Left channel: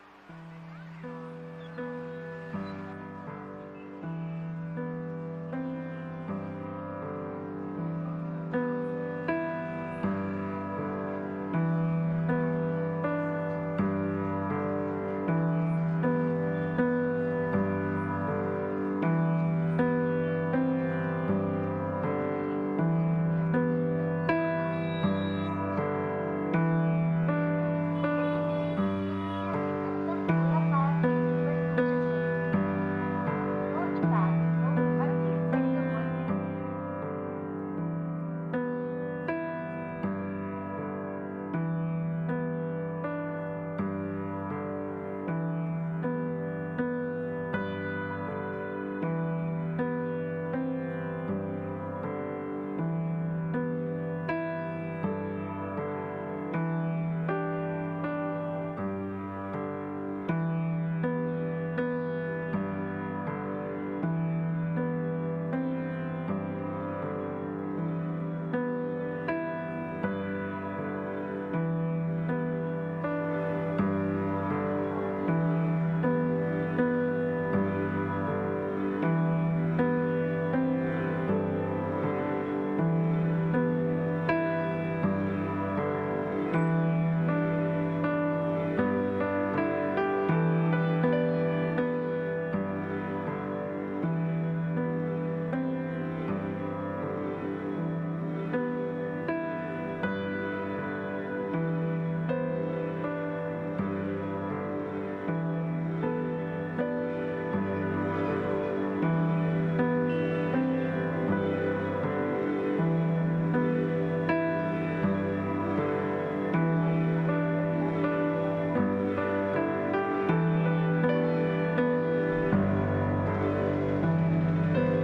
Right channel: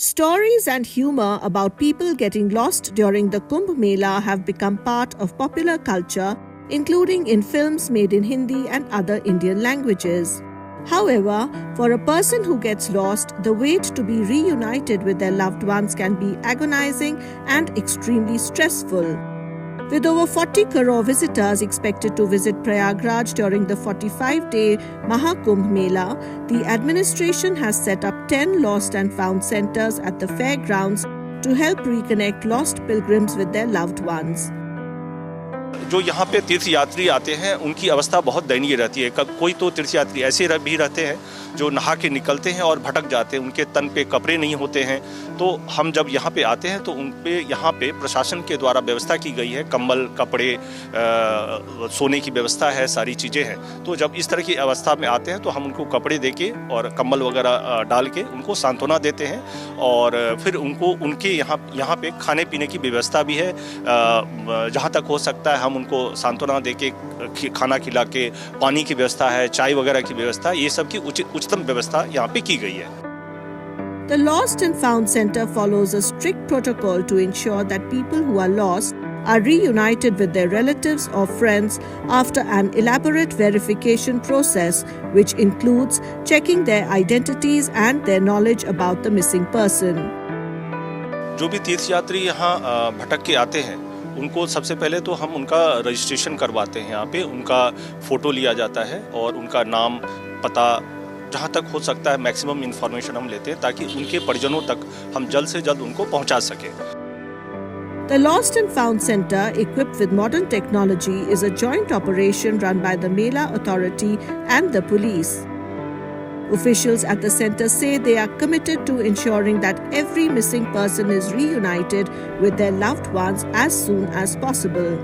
Stories and humor about people getting lost during the Kumbh Mela have become part of popular culture, including in films made in Hindi and other Indian languages. However, for a person who gets lost, the wait to be reunited with their loved ones can be agonizing and extremely stressful. With over 40 crore visitors expected to visit Prayagraj during the 45-day Mahakumbh Mela, the administration has set up 10 lost and found centers at the fairgrounds to help reconnect lost pilgrims with their loved ones. जो यहाँ पे तीर्थ यात्री आते हैं उनकी अवस्था बहुत दयनीय रहती है। कोई तो तीर्थ यात्री ऐसे भी रहते हैं जो नहा के निकलते हैं और भटक जाते हैं, उनके तन पे कपड़े नहीं होते हैं। तो हम जब यहाँ पे आते हैं तो उन पे यहाँ पे प्रशासन के द्वारा व्यवस्था की गई है, कंबल, कपड़े, सोने की व्यवस्था है, सारी चीज़ें हैं। तो जब इस तरह की अवस्था में आते हैं तो हम उनको कपड़े दे के और कंबल वगैरह डाल के उनको सांत्वना देते हैं और फिर उनको उनके यहाँ पे खाने पीने की व्यवस्था भी है। जहाँ तक हो सकता है हम उनको सांत्वना देके खाना खिला के, पानी की व्यवस्था है, चाय वगैरह की व्यवस्था, ये सब की उच्चतम व्यवस्था यहाँ पे की गई है। The Lost and Found Center follows a strict protocol to ensure that people who are lost are reunited with their relatives or friends after an elaborate verification process, which includes checking their identities and their knowledge about the missing person. जो भी तीर्थयात्री यहाँ भटक के आते हैं उनको सबसे पहले तो हम उनका रजिस्ट्रेशन करवाते हैं। यहाँ पे उनका फ़ोटो लिया जाता है और उनका नाम, पता, जहाँ तक हो सकता है मैक्सिमम इन्फॉर्मेशन हम लेते हैं ताकि उनके परिजनों तक हम जल्द से जल्द उनको पहुँचा सकें। The Lost and Found Center, equipped with modern technology, is a joint operation run by the Mela Authority and the police. Officials at the center say they are committed to ensuring that every missing person is reunited with their loved ones as soon as possible.